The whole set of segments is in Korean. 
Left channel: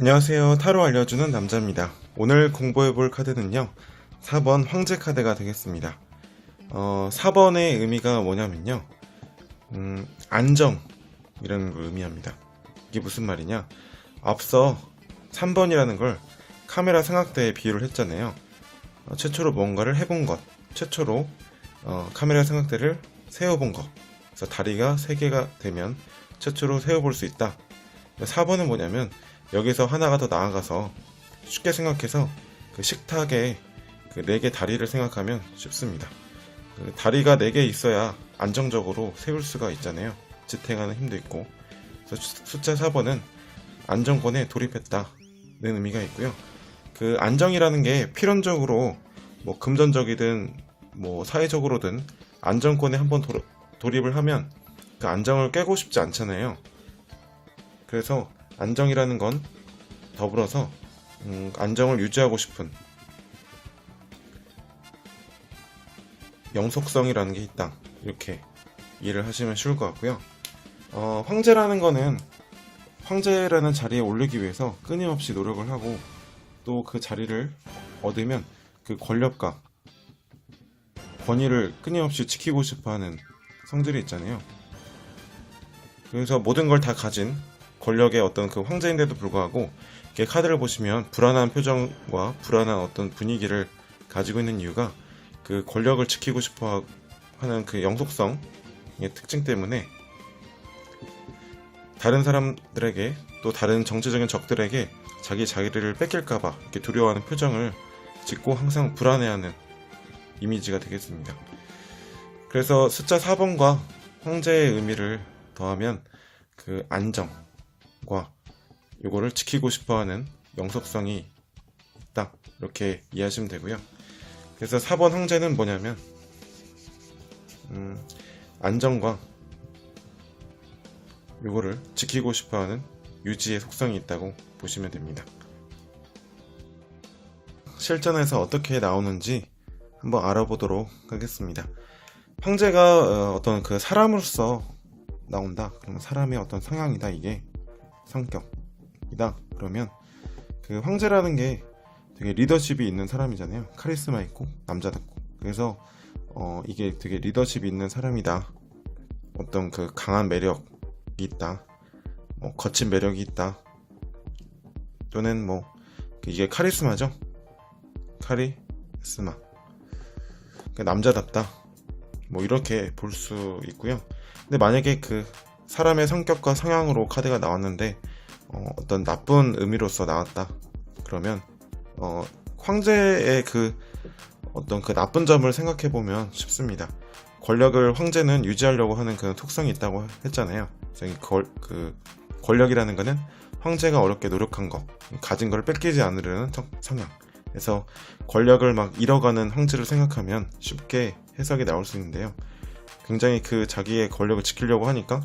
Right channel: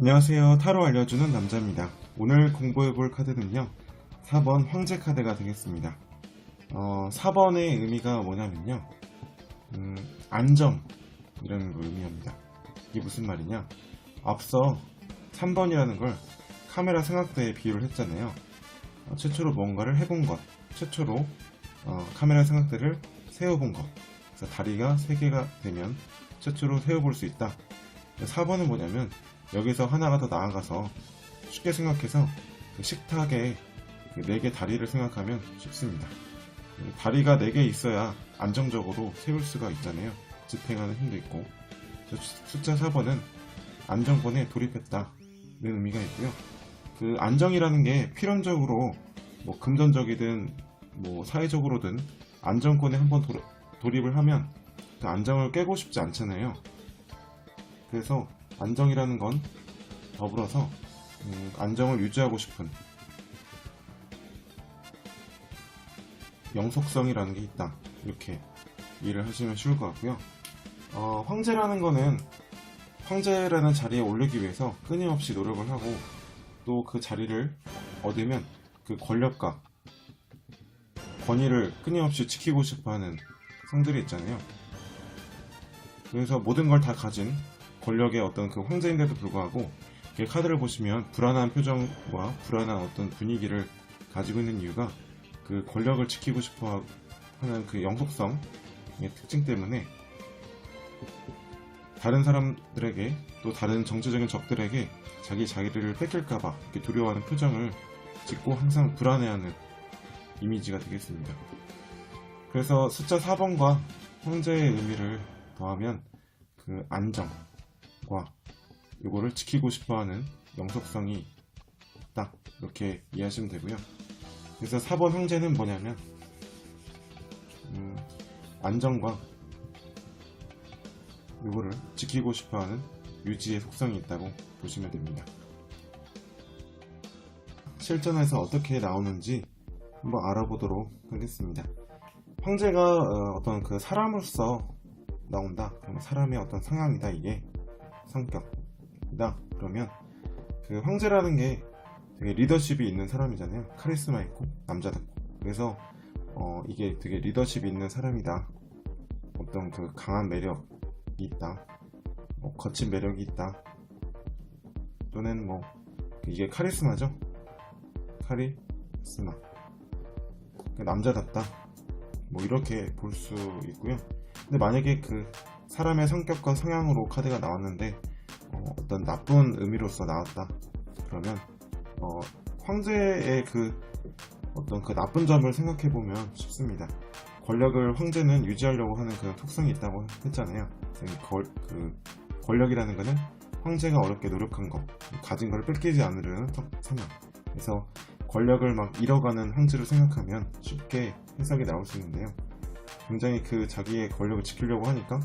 안녕하세요. 타로 알려주는 남자입니다. 오늘 공부해볼 카드는요, 4번 황제 카드가 되겠습니다. 4번의 의미가 뭐냐면요, 안정이라는 걸 의미합니다. 이게 무슨 말이냐? 앞서 3번이라는 걸 카메라 삼각대에 비유를 했잖아요. 최초로 뭔가를 해본 것, 최초로 카메라 삼각대를 세워본 것, 그래서 다리가 3개가 되면 최초로 세워볼 수 있다. 4번은 뭐냐면 여기서 하나가 더 나아가서 쉽게 생각해서 그 식탁에 그 4개 다리를 생각하면 쉽습니다. 다리가 4개 있어야 안정적으로 세울 수가 있잖아요. 지탱하는 힘도 있고. 그래서 숫자 4번은 안정권에 돌입했다는 의미가 있고요. 그 안정이라는 게 필연적으로 뭐 금전적이든 뭐 사회적으로든 안정권에 한번 돌입을 하면 그 안정을 깨고 싶지 않잖아요. 그래서 안정이라는 건 더불어서 안정을 유지하고 싶은 영속성이라는 게 있다, 이렇게 이해를 하시면 쉬울 것 같고요. 황제라는 거는 황제라는 자리에 오르기 위해서 끊임없이 노력을 하고 또 그 자리를 얻으면 그 권력과 권위를 끊임없이 지키고 싶어하는 성들이 있잖아요. 그래서 모든 걸 다 가진 권력의 어떤 그 황제인데도 불구하고 이렇게 카드를 보시면 불안한 표정과 불안한 어떤 분위기를 가지고 있는 이유가 그 권력을 지키고 싶어 하는 그 영속성의 특징 때문에 다른 사람들에게 또 다른 정치적인 적들에게 자기 자리를 뺏길까봐 이렇게 두려워하는 표정을 짓고 항상 불안해하는 이미지가 되겠습니다. 그래서 숫자 4번과 황제의 의미를 더하면 그 안정과 이거를 지키고 싶어하는 영속성이 있다, 이렇게 이해하시면 되고요. 그래서 4번 황제는 뭐냐면 안정과 이거를 지키고 싶어하는 유지의 속성이 있다고 보시면 됩니다. 실전에서 어떻게 나오는지 한번 알아보도록 하겠습니다. 황제가 어떤 그 사람으로서 나온다. 그러면 사람의 어떤 성향이다, 이게 성격이다. 그러면 그 황제라는 게 되게 리더십이 있는 사람이잖아요. 카리스마 있고 남자답고. 그래서 이게 되게 리더십이 있는 사람이다. 어떤 그 강한 매력이 있다. 뭐 거친 매력이 있다. 또는 뭐 이게 카리스마죠. 카리스마. 남자답다. 뭐 이렇게 볼 수 있고요. 근데 만약에 그 사람의 성격과 성향으로 카드가 나왔는데 어떤 나쁜 의미로서 나왔다, 그러면 황제의 그 어떤 그 나쁜 점을 생각해 보면 쉽습니다. 권력을 황제는 유지하려고 하는 그런 특성이 있다고 했잖아요. 그 권력이라는 거는 황제가 어렵게 노력한 거, 가진 걸 뺏기지 않으려는 성향. 그래서 권력을 막 잃어가는 황제를 생각하면 쉽게 해석이 나올 수 있는데요. 굉장히 그 자기의 권력을 지키려고 하니까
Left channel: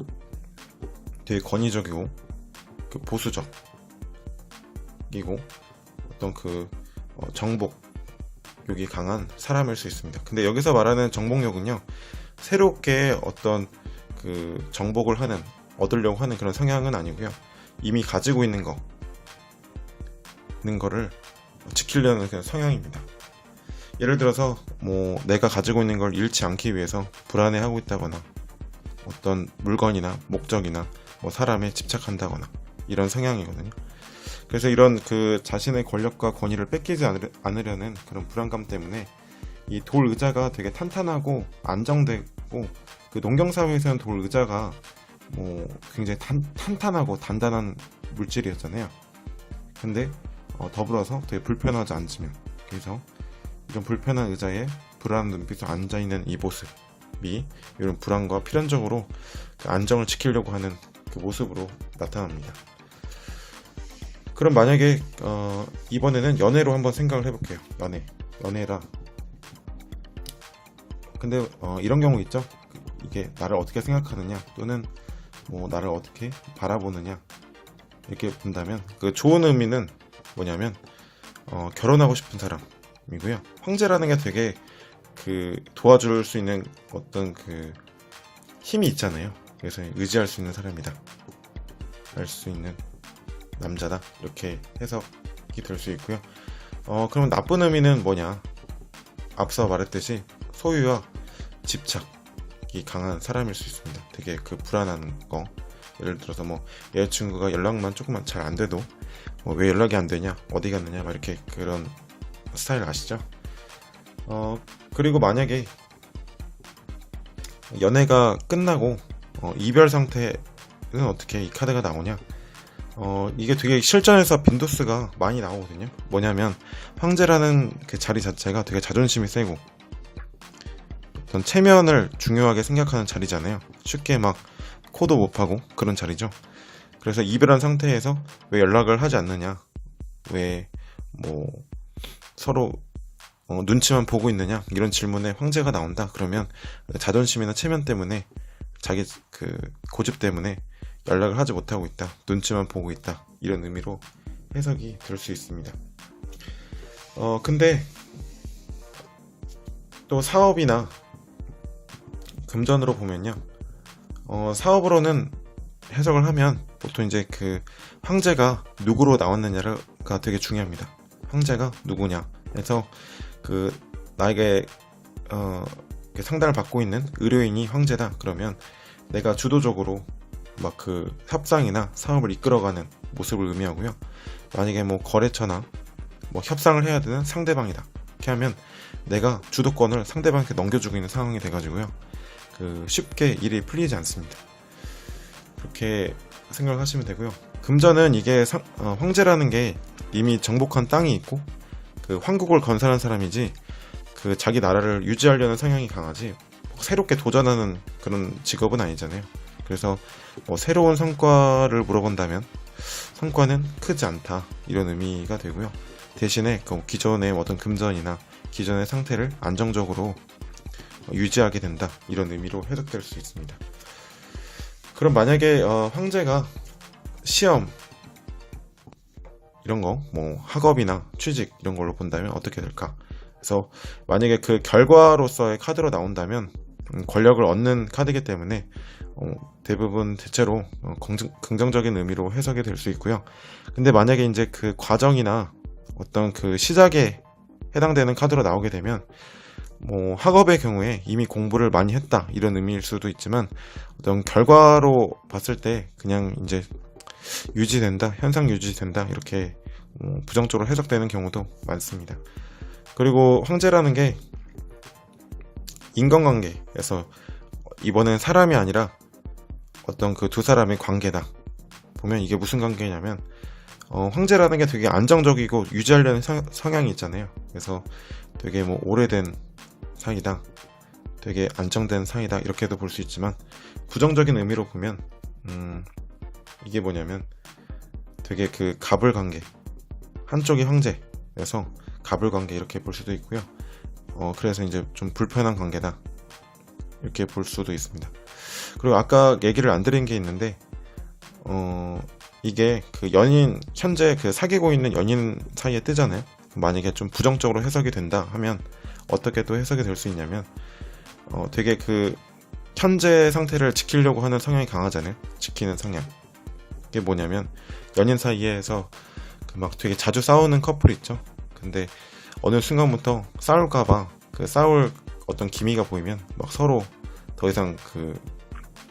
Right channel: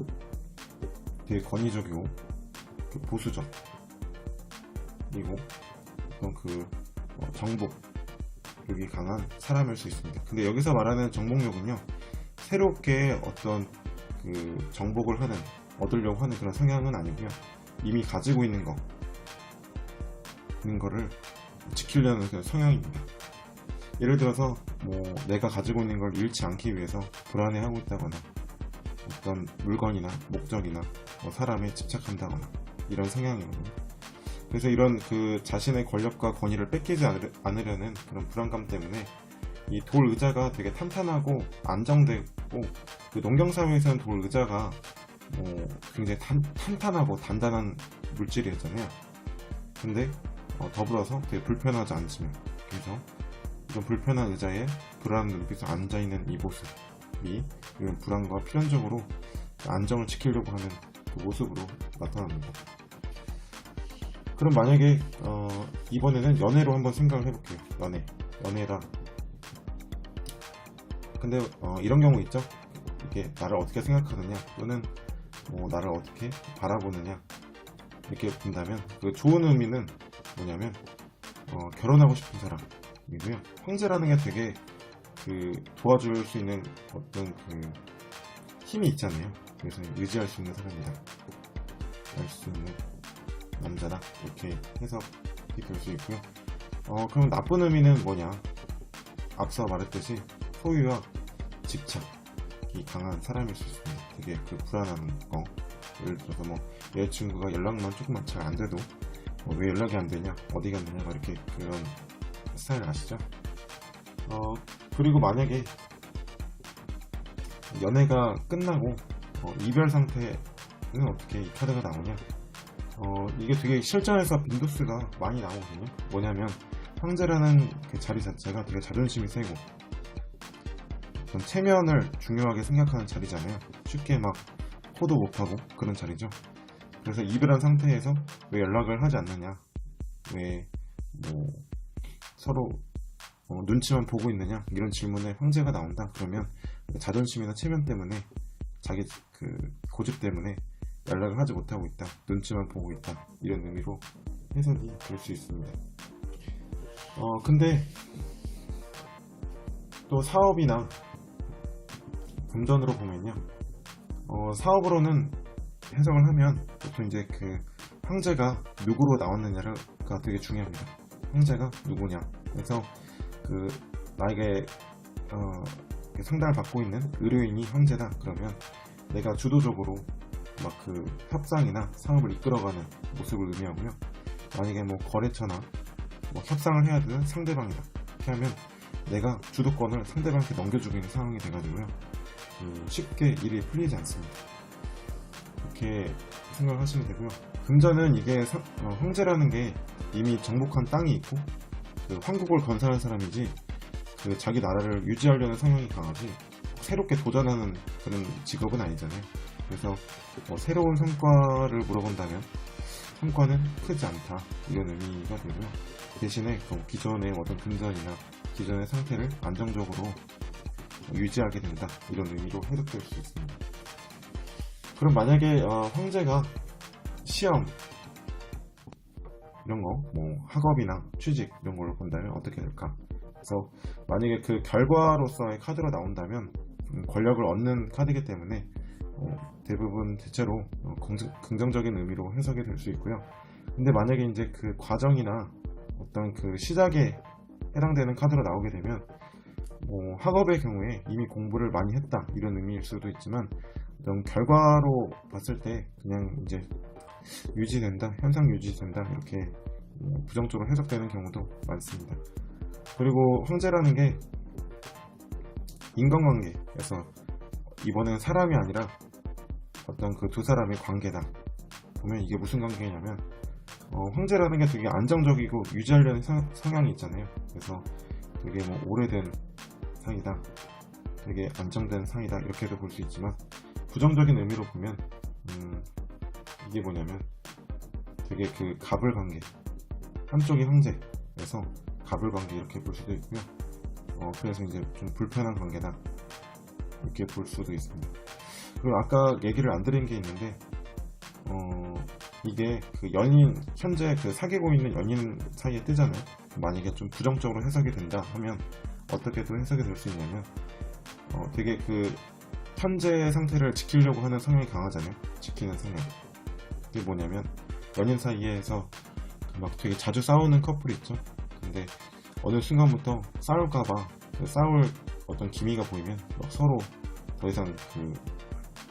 되게 권위적이고 그 보수적이고 어떤 그 정복욕이 강한 사람일 수 있습니다. 근데 여기서 말하는 정복욕은요, 새롭게 어떤 그 정복을 얻으려고 하는 그런 성향은 아니고요. 이미 가지고 있는 거를 지키려는 그런 성향입니다. 예를 들어서 뭐 내가 가지고 있는 걸 잃지 않기 위해서 불안해하고 있다거나 어떤 물건이나 목적이나 뭐 사람에 집착한다거나 이런 성향이거든요. 그래서 이런 그 자신의 권력과 권위를 뺏기지 않으려는 그런 불안감 때문에 이 돌 의자가 되게 탄탄하고 안정되고, 그 농경사회에서는 돌 의자가 뭐 굉장히 탄탄하고 단단한 물질이었잖아요. 근데 더불어서 되게 불편하지 않지만, 그래서 이런 불편한 의자에 불안한 눈빛으로 앉아있는 이 모습이 이런 불안과 필연적으로 안정을 지키려고 하는 그 모습으로 나타납니다. 그럼 만약에 이번에는 연애로 한번 생각을 해볼게요. 연애라. 근데 이런 경우 있죠. 이게 나를 어떻게 생각하느냐, 또는 뭐 나를 어떻게 바라보느냐, 이렇게 본다면 그 좋은 의미는 뭐냐면 결혼하고 싶은 사람이고요. 황제라는 게 되게 그 도와줄 수 있는 어떤 그 힘이 있잖아요. 그래서 의지할 수 있는 사람이다, 알 수 있는 남자다 이렇게 해석이 될 수 있고요. 그럼 나쁜 의미는 뭐냐? 앞서 말했듯이 소유와 집착이 강한 사람일 수 있습니다. 되게 그 불안한 거, 예를 들어서 뭐 여자친구가 연락만 조금만 잘 안 돼도 왜 연락이 안 되냐, 어디 갔느냐, 막 이렇게 그런 스타일 아시죠? 그리고 만약에 연애가 끝나고 이별 상태는 어떻게 이 카드가 나오냐? 이게 되게 실전에서 빈도수가 많이 나오거든요. 뭐냐면 황제라는 그 자리 자체가 되게 자존심이 세고 어떤 체면을 중요하게 생각하는 자리잖아요. 쉽게 막 코도 못 파고 그런 자리죠. 그래서 이별한 상태에서 왜 연락을 하지 않느냐, 왜 뭐 서로 눈치만 보고 있느냐, 이런 질문에 황제가 나온다 그러면 자존심이나 체면 때문에, 자기 그 고집 때문에 연락을 하지 못하고 있다, 눈치만 보고 있다, 이런 의미로 해석이 될 수 있습니다. 근데 또 사업이나 금전으로 보면요, 사업으로는 해석을 하면 보통 이제 그 황제가 누구로 나왔느냐가 되게 중요합니다. 황제가 누구냐, 그래서 그 나에게 상담을 받고 있는 의료인이 황제다 그러면 내가 주도적으로 막 그 협상이나 사업을 이끌어가는 모습을 의미하고요. 만약에 뭐 거래처나 뭐 협상을 해야 되는 상대방이다 이렇게 하면 내가 주도권을 상대방한테 넘겨주고 있는 상황이 돼가지고요, 그 쉽게 일이 풀리지 않습니다. 그렇게 생각을 하시면 되고요. 금전은 이게 황제라는 게 이미 정복한 땅이 있고 그 황국을 건설한 사람이지, 그 자기 나라를 유지하려는 성향이 강하지 새롭게 도전하는 그런 직업은 아니잖아요. 그래서 뭐 새로운 성과를 물어본다면 성과는 크지 않다, 이런 의미가 되고요. 대신에 그 기존의 어떤 금전이나 기존의 상태를 안정적으로 유지하게 된다, 이런 의미로 해석될 수 있습니다. 그럼 만약에 황제가 시험 이런 거, 뭐 학업이나 취직 이런 걸로 본다면 어떻게 될까? 그래서 만약에 그 결과로서의 카드로 나온다면 권력을 얻는 카드이기 때문에 대부분 대체로 긍정적인 의미로 해석이 될 수 있고요. 근데 만약에 이제 그 과정이나 어떤 그 시작에 해당되는 카드로 나오게 되면 뭐 학업의 경우에 이미 공부를 많이 했다, 이런 의미일 수도 있지만 어떤 결과로 봤을 때 그냥 이제 유지된다, 현상 유지된다, 이렇게 부정적으로 해석되는 경우도 많습니다. 그리고 황제라는 게 인간관계에서 이번엔 사람이 아니라 어떤 그 두 사람의 관계다 보면 이게 무슨 관계냐면 황제라는 게 되게 안정적이고 유지하려는 성향이 있잖아요. 그래서 되게 뭐 오래된 사이다, 되게 안정된 사이다, 이렇게도 볼 수 있지만 부정적인 의미로 보면 이게 뭐냐면 되게 그 갑을 관계, 한쪽이 황제여서 갑을 관계 이렇게 볼 수도 있고요. 그래서 이제 좀 불편한 관계다 이렇게 볼 수도 있습니다. 그리고 아까 얘기를 안 드린 게 있는데 이게 그 연인, 현재 그 사귀고 있는 연인 사이에 뜨잖아요. 만약에 좀 부정적으로 해석이 된다 하면 어떻게 또 해석이 될 수 있냐면 되게 그 현재 상태를 지키려고 하는 성향이 강하잖아요. 지키는 성향. 이게 뭐냐면 연인 사이에서 막 되게 자주 싸우는 커플 있죠. 근데 어느 순간부터 싸울까봐 그 싸울 어떤 기미가 보이면 막 서로 더 이상 그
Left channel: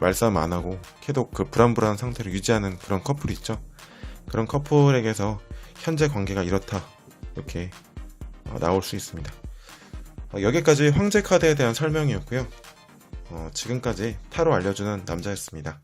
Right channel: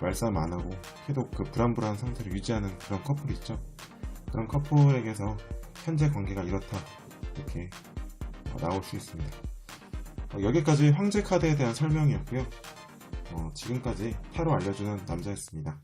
말싸움 안 하고 계속 그 불안불안한 상태를 유지하는 그런 커플 있죠. 그런 커플에게서 현재 관계가 이렇다, 이렇게 나올 수 있습니다. 여기까지 황제 카드에 대한 설명이었고요. 지금까지 타로 알려주는 남자였습니다.